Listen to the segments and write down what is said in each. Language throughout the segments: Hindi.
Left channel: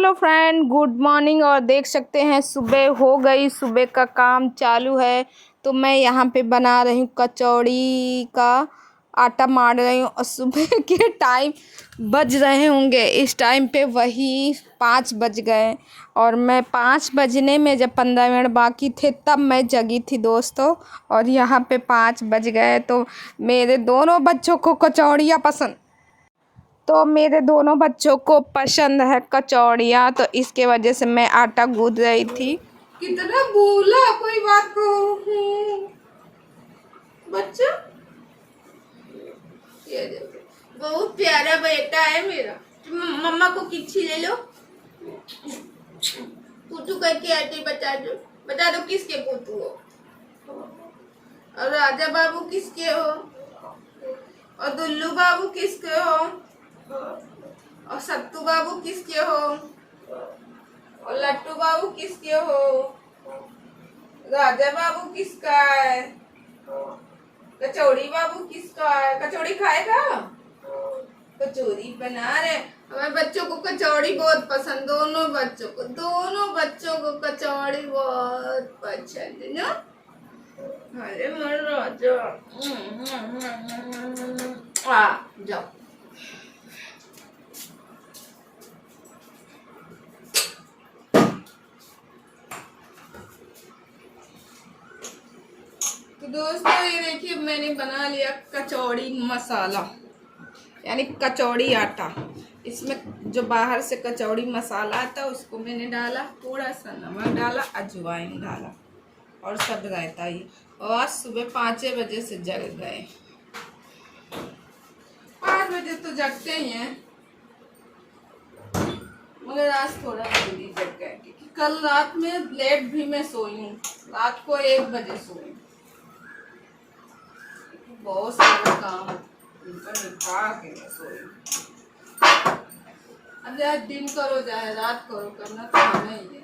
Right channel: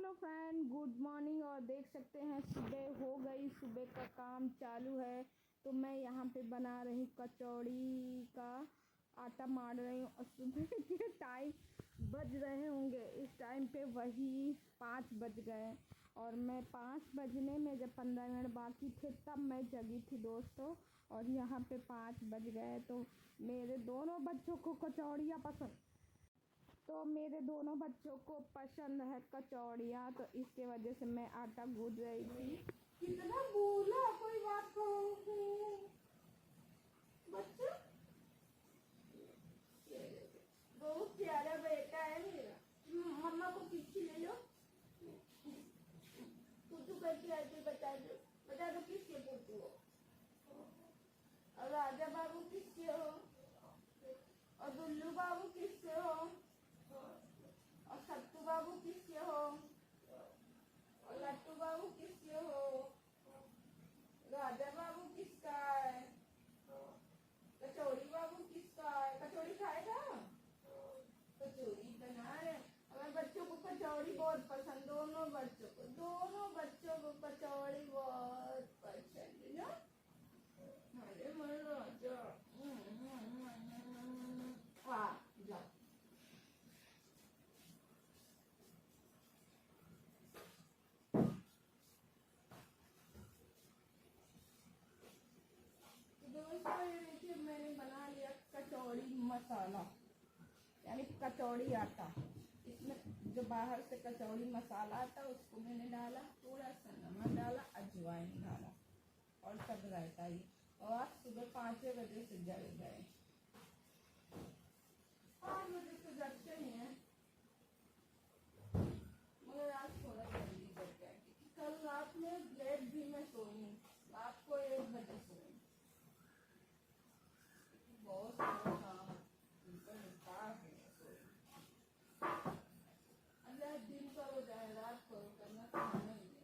Hello friend, good morning. और देख सकते हैं सुबह हो गई, सुबह का काम चालू है। तो मैं यहाँ पे बना रही हूँ कचौड़ी का आटा मार रही हूँ। और सुबह के टाइम बज रहे होंगे इस टाइम पे वही 5 बज गए। और मैं 5 बजने में जब 15 मिनट बाकी थे तब मैं जगी थी दोस्तों। और यहाँ पे 5 बज गए। तो मेरे दोनों बच्चों को कचौड़ियाँ पसंद है कचौड़ियाँ। तो इसके वजह से मैं आटा गूँथ रही थी। कितना बोला कोई बात को बच्चा, ये देखो बहुत प्यारा बेटा है मेरा। मम्मा को किच्छी ले लो, पुतू करके आती बता दो किसके पुतू हो। और राजा बाबू किसके हो, और दुल्लू बाबू किसके हो, और सत्तू बाबू किसके हो, और लट्टू बाबू किसके हो, राजा बाबू किसका है, कचौड़ी बाबू किसका है। कचौड़ी खाएगा, कचौड़ी बना रहे। हमारे बच्चों को कचौड़ी बहुत पसंद, दोनों बच्चों को कचौड़ी बहुत पसंद है ना। अरे मर राजा आ जाओ। तो दोस्तों ये देखिए मैंने बना लिया कचौड़ी मसाला, यानी कचौड़ी आटा। इसमें जो बाहर से कचौड़ी मसाला आता है उसको मैंने डाला, थोड़ा सा नमक डाला, अजवाइन डाला और सब रहता ही। और आज सुबह 5 बजे से जग गए। 5 बजे तो जगते ही हैं, मगर आज थोड़ा जल्दी जग गए क्योंकि कल रात में लेट भी मैं सोई हूँ। रात को 1 बजे सोई, बहुत सारा काम निपटा के मैं सोई। अब यार दिन करो चाहे रात करो, करना तो हमें ही है।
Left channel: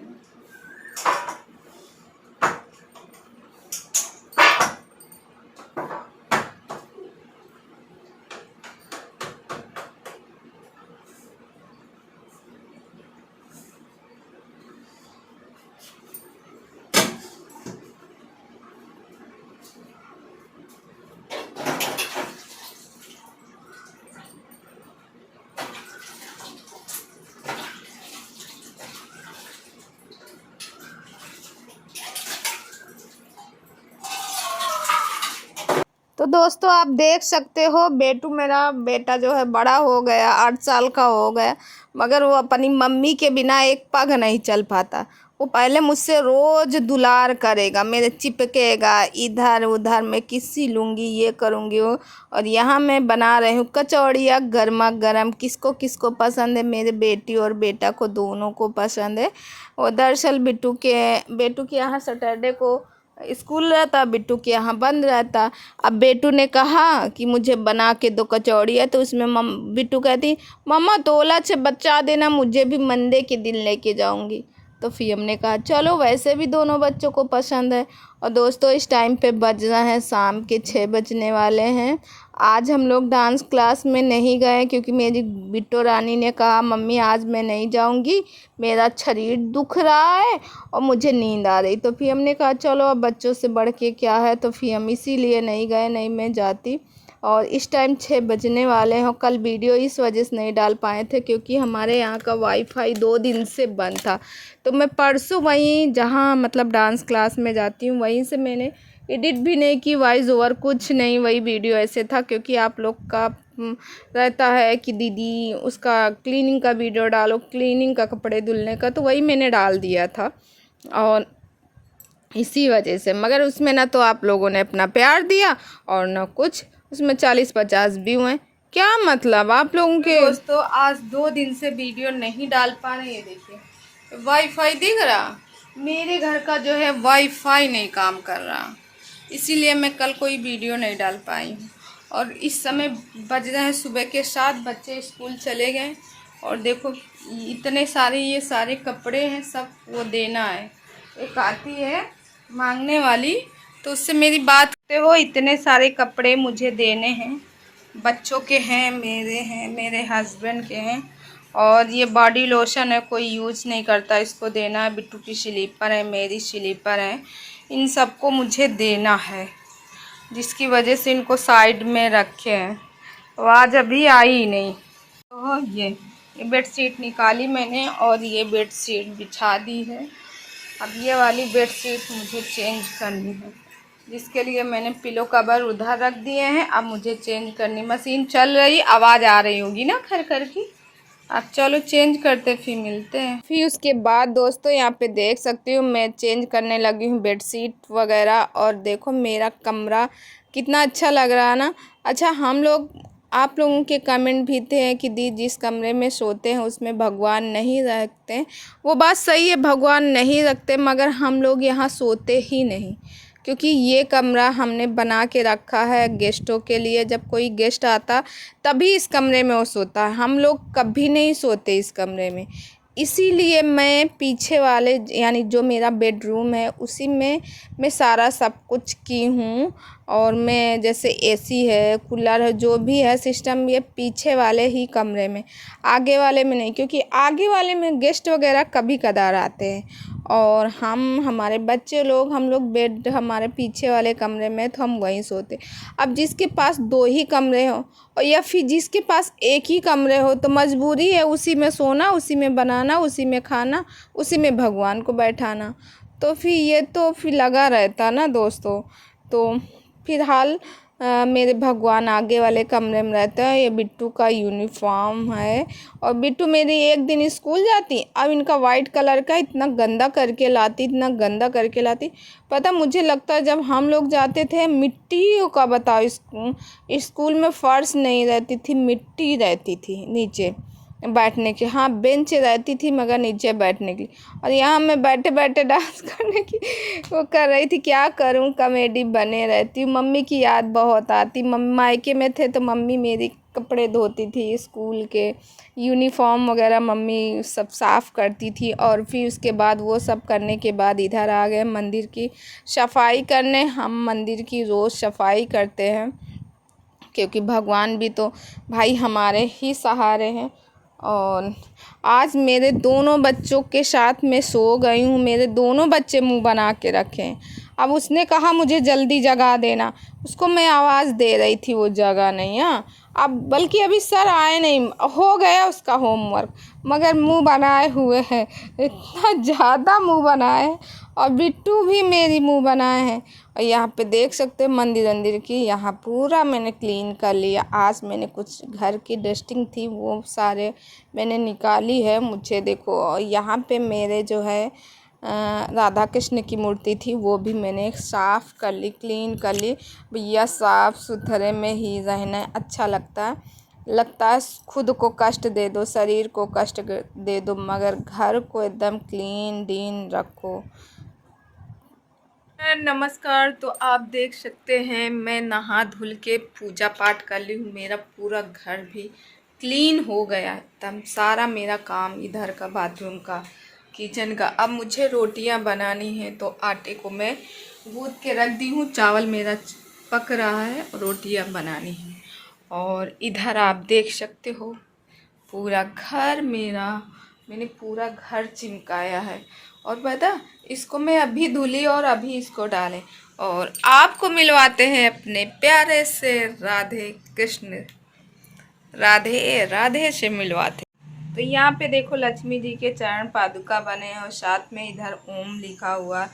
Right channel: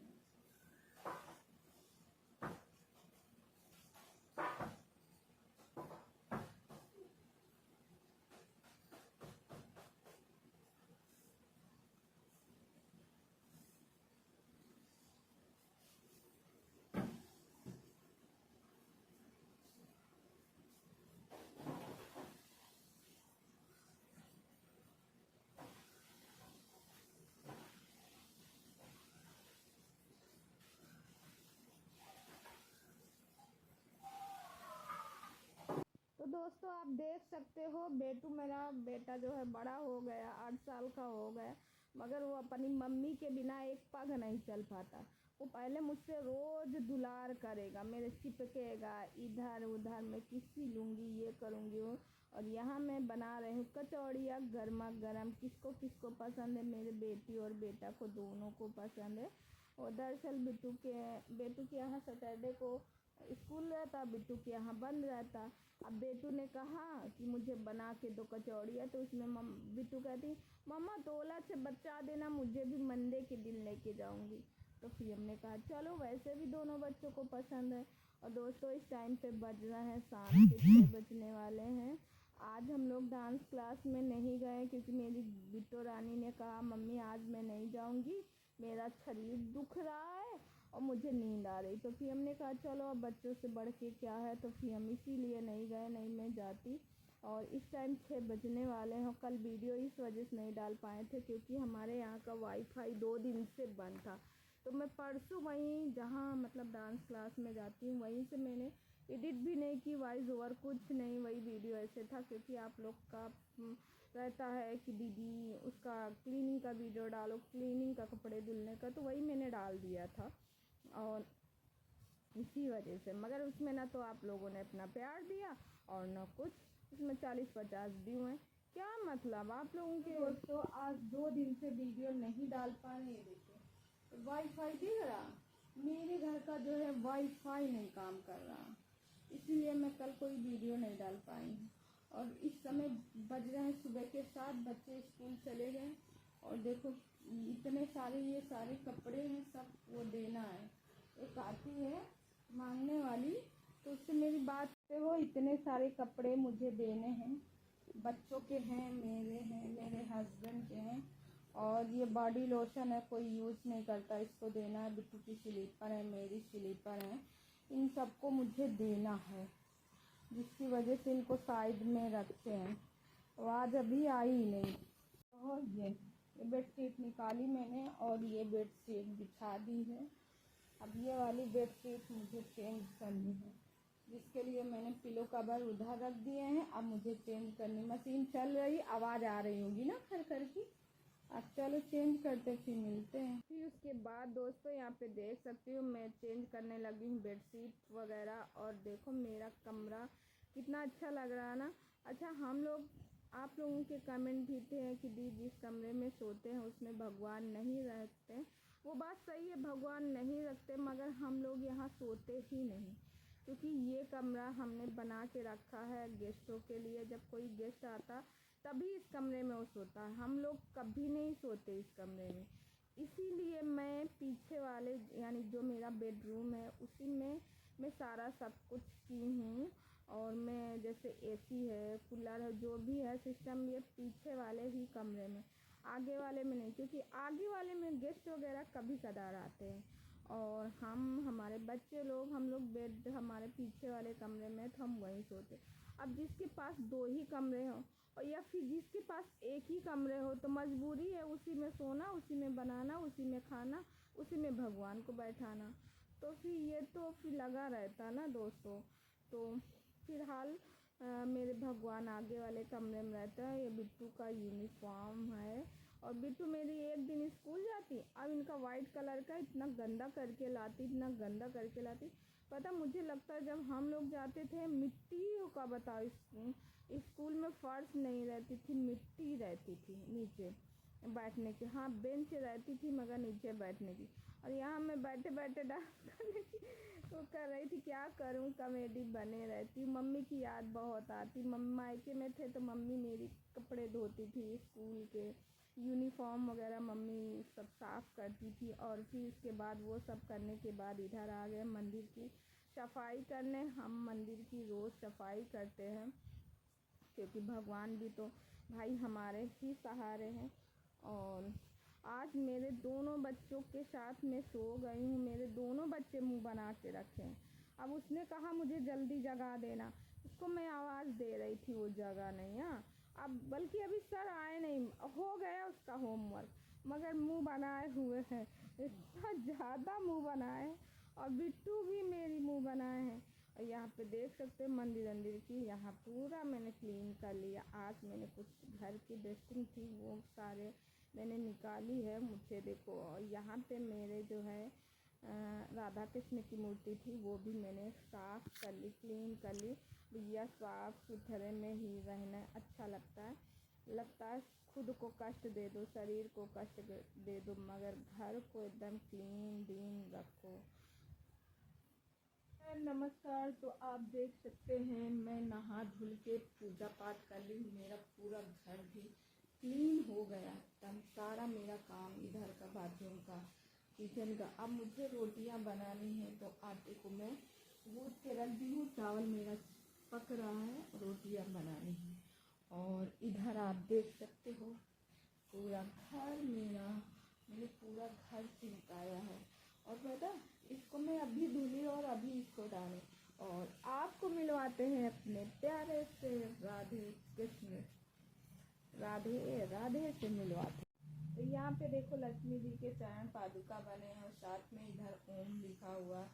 तो दोस्तों आप देख सकते हो मेरा बेटा जो है बड़ा हो गया, 8 साल का हो गया, मगर वो अपनी मम्मी के बिना एक पग नहीं चल पाता। वो पहले मुझसे रोज़ दुलार करेगा, मेरे चिपकेगा, इधर उधर मैं किसी लूँगी, ये करूँगी वो। और यहाँ मैं बना रही हूँ कचौड़ियाँ गर्मा गर्म। किसको किसको पसंद है, मेरे बेटी और बेटा को दोनों को पसंद है। और दरअसल बेटू के यहाँ सैटरडे को स्कूल रहता, बिट्टू के यहाँ बंद रहता। अब बेटू ने कहा कि मुझे बना के दो कचौड़ी है, तो उसमें बिट्टू कहती मम्मा तोला से बचा देना, मुझे भी मंडे के दिन लेके जाऊंगी। तो फिर हमने कहा चलो, वैसे भी दोनों बच्चों को पसंद है। और दोस्तों इस टाइम पे बज रहा है शाम के 6 बजने वाले हैं। आज हम लोग डांस क्लास में नहीं गए क्योंकि मेरी बिट्टू रानी ने कहा मम्मी आज मैं नहीं जाऊंगी, मेरा शरीर दुख रहा है और मुझे नींद आ रही। तो फिर हमने कहा चलो अब बच्चों से बढ़ के क्या है, तो फिर हम इसीलिए नहीं गए, नहीं मैं जाती। और इस टाइम 6 बजने वाले हैं। कल वीडियो इस वजह से नहीं डाल पाए थे क्योंकि हमारे यहाँ का वाईफाई 2 दिन से बंद था। तो मैं परसों वहीं जहाँ मतलब डांस क्लास में जाती हूँ वहीं से मैंने एडिट भी नहीं की, वॉइस ओवर कुछ नहीं, वही वीडियो ऐसे था। क्योंकि आप लोग का रहता है कि दीदी उसका क्लीनिंग का वीडियो डालो, क्लीनिंग का, कपड़े धुलने का, तो वही मैंने डाल दिया था। और इसी वजह से, मगर उसमें ना तो आप लोगों ने अपना प्यार दिया और ना कुछ उसमें 40-50 व्यू हैं। क्या मतलब आप लोगों के। दोस्तों आज 2 दिन से वीडियो नहीं डाल पा रहे। ये देखिए वाईफाई दिख रहा, मेरे घर का जो है वाईफाई नहीं काम कर रहा, इसीलिए मैं कल कोई वीडियो नहीं डाल पाई हूँ। और इस समय बज रहे हैं सुबह के 7, बच्चे स्कूल चले गए। और देखो इतने सारे ये सारे कपड़े हैं, सब वो देना है। एक आती है मांगने वाली, तो उससे मेरी बात करते हो, इतने सारे कपड़े मुझे देने हैं, बच्चों के हैं, मेरे हस्बैंड के हैं। और ये बॉडी लोशन है, कोई यूज़ नहीं करता, इसको देना है। बिट्टू की स्लीपर है, मेरी स्लीपर है, इन सबको मुझे देना है, जिसकी वजह से इनको साइड में रखे हैं। तो आज अभी आई ही नहीं। तो ये बेडशीट निकाली मैंने और ये बेडशीट बिछा दी है। अब ये वाली बेडशीट मुझे चेंज करनी है, जिसके लिए मैंने पिलो कवर उधर रख दिए हैं। अब मुझे चेंज करनी, मशीन चल रही, आवाज़ आ रही होगी ना खर खर की। अब चलो चेंज करते, फिर मिलते हैं। फिर उसके बाद दोस्तों यहाँ पे देख सकती हूँ मैं चेंज करने लगी हूँ बेडशीट वगैरह। और देखो मेरा कमरा कितना अच्छा लग रहा है ना। अच्छा, हम लोग, आप लोगों के कमेंट भी थे कि दी जिस कमरे में सोते हैं उसमें भगवान नहीं रखते। वो बात सही है, भगवान नहीं रखते, मगर हम लोग यहाँ सोते ही नहीं, क्योंकि ये कमरा हमने बना के रखा है गेस्टों के लिए। जब कोई गेस्ट आता तभी इस कमरे में वो सोता है, हम लोग कभी नहीं सोते इस कमरे में। इसीलिए मैं पीछे वाले यानी जो मेरा बेडरूम है उसी में मैं सारा सब कुछ की हूँ। और मैं जैसे एसी है, कूलर है, जो भी है सिस्टम, ये पीछे वाले ही कमरे में, आगे वाले में नहीं, क्योंकि आगे वाले में गेस्ट वगैरह कभी कदार आते हैं। और हमारे बच्चे लोग, हम लोग बेड हमारे पीछे वाले कमरे में, तो हम वहीं सोते। अब जिसके पास 2 ही कमरे हो और या फिर जिसके पास एक ही कमरे हो, तो मजबूरी है उसी में सोना, उसी में बनाना, उसी में खाना, उसी में भगवान को बैठाना। तो फिर ये तो फिर लगा रहता ना दोस्तों। तो फिलहाल मेरे भगवान आगे वाले कमरे में रहते हैं। ये बिट्टू का यूनिफॉर्म है और बिट्टू मेरी एक दिन स्कूल जाती, अब इनका वाइट कलर का इतना गंदा करके लाती, इतना गंदा करके लाती। पता, मुझे लगता है जब हम लोग जाते थे मिट्टी का, बताओ, स्कूल में फर्श नहीं रहती थी, मिट्टी रहती थी नीचे बैठने की। हाँ, बेंच रहती थी मगर नीचे बैठने की। और यहाँ मैं बैठे बैठे डांस करने की वो कर रही थी। क्या करूँ, कॉमेडी बने रहती हूँ। मम्मी की याद बहुत आती। मम्मी मायके में थे तो मम्मी मेरी कपड़े धोती थी, स्कूल के यूनिफॉर्म वगैरह मम्मी सब साफ़ करती थी। और फिर उसके बाद वो सब करने के बाद इधर आ गए मंदिर की सफाई करने। हम मंदिर की रोज़ सफाई करते हैं, क्योंकि भगवान भी तो भाई हमारे ही सहारे हैं। और आज मेरे दोनों बच्चों के साथ मैं सो गई हूँ। मेरे दोनों बच्चे मुंह बना के रखे हैं। अब उसने कहा मुझे जल्दी जगा देना, उसको मैं आवाज़ दे रही थी, वो जगा नहीं। हाँ, अब बल्कि अभी सर आए नहीं, हो गया उसका होमवर्क, मगर मुंह बनाए हुए है, इतना ज़्यादा मुंह बनाए हैं। और बिट्टू भी मेरी मुंह बनाए हैं। और यहाँ पे देख सकते हैं मंदिर की, यहाँ पूरा मैंने क्लीन कर लिया। आज मैंने कुछ घर की डस्टिंग थी वो सारे मैंने निकाली है। मुझे देखो, और यहाँ पे मेरे जो है राधा कृष्ण की मूर्ति थी, वो भी मैंने साफ़ कर ली, क्लीन कर ली। भैया साफ़ सुथरे में ही रहना अच्छा लगता है। खुद को कष्ट दे दो, शरीर को कष्ट दे दो, मगर घर को एकदम क्लीन डीन रखो। नमस्कार। तो आप देख सकते हैं मैं नहा धुल के पूजा पाठ कर ली हूँ। मेरा पूरा घर भी क्लीन हो गया एकदम, सारा मेरा काम इधर का, बाथरूम का, किचन का। अब मुझे रोटियां बनानी है, तो आटे को मैं गूँथ के रख दी हूँ। चावल मेरा पक रहा है, रोटियां बनानी है। और इधर आप देख सकते हो पूरा घर मेरा, मैंने पूरा घर चिमकाया है। और पता, इसको मैं अभी धुली और अभी इसको डालें। और आपको मिलवाते हैं अपने प्यारे से राधे कृष्ण, राधे राधे से मिलवाते। तो यहाँ पे देखो लक्ष्मी जी के चरण पादुका बने हैं और साथ में इधर ओम लिखा हुआ।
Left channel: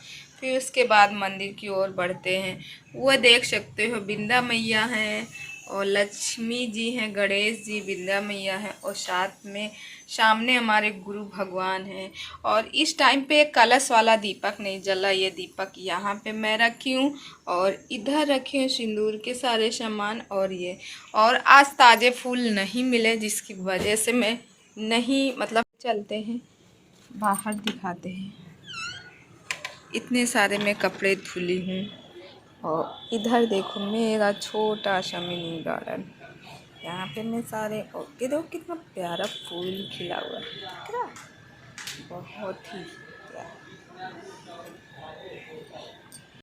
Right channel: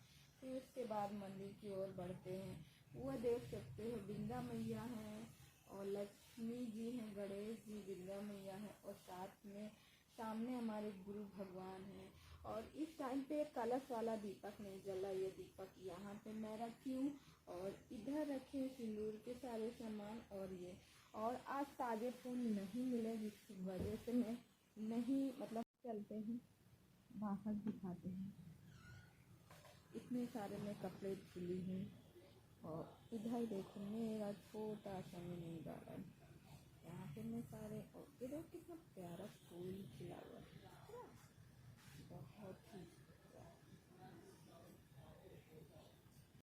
फिर उसके बाद मंदिर की ओर बढ़ते हैं। वो देख सकते हो बिंदा मैया हैं और लक्ष्मी जी हैं, गणेश जी, बिंदा मैया हैं, और साथ में सामने हमारे गुरु भगवान हैं। और इस टाइम पे एक कलश वाला दीपक नहीं जला, ये दीपक यहाँ पे मैं रखी हूँ। और इधर रखे हैं सिंदूर के सारे सामान। और ये, और आज ताज़े फूल नहीं मिले, जिसकी वजह से मैं नहीं, मतलब चलते हैं बाहर दिखाते हैं। इतने सारे मैं कपड़े धुली हूँ। और इधर देखो मेरा छोटा सा मिनी गार्डन, यहाँ पे मैं सारे, और देखो कितना प्यारा फूल खिला हुआ है, दिख रहा है? बहुत ही प्यारा।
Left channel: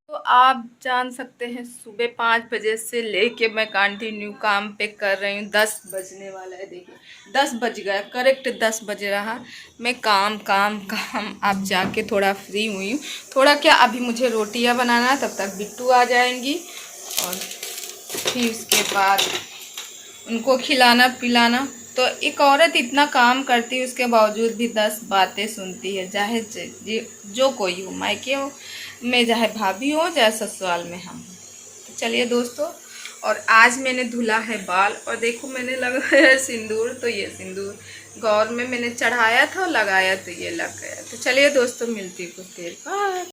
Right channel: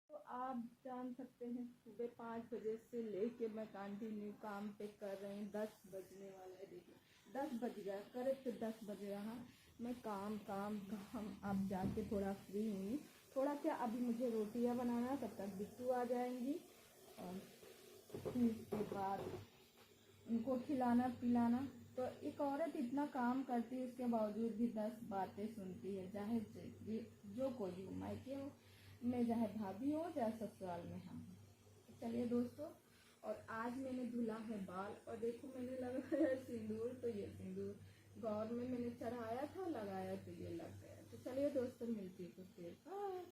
तो आप जान सकते हैं सुबह 5 बजे से लेके मैं कंटिन्यू काम पे कर रही हूँ। 10 बजने वाला है, देखिए 10 बज गया, करेक्ट 10 बज रहा। मैं काम काम काम अब जाके थोड़ा फ्री हुई हूँ। थोड़ा क्या, अभी मुझे रोटियाँ बनाना, तब तक बिट्टू आ जाएंगी और फिर उसके बाद उनको खिलाना पिलाना। तो एक औरत इतना काम करती है, उसके बावजूद भी 10 बातें सुनती है, चाहे जो कोई हो, मायके हो में, चाहे भाभी हो, चाहे ससुराल में हम हो। तो चलिए दोस्तों, और आज मैंने धुला है बाल, और देखो मैंने लगाया सिंदूर। तो ये सिंदूर गौर में मैंने चढ़ाया था और लगाया, तो ये लग गया। तो चलिए दोस्तों, मिलती हूँ कुछ देर बाद।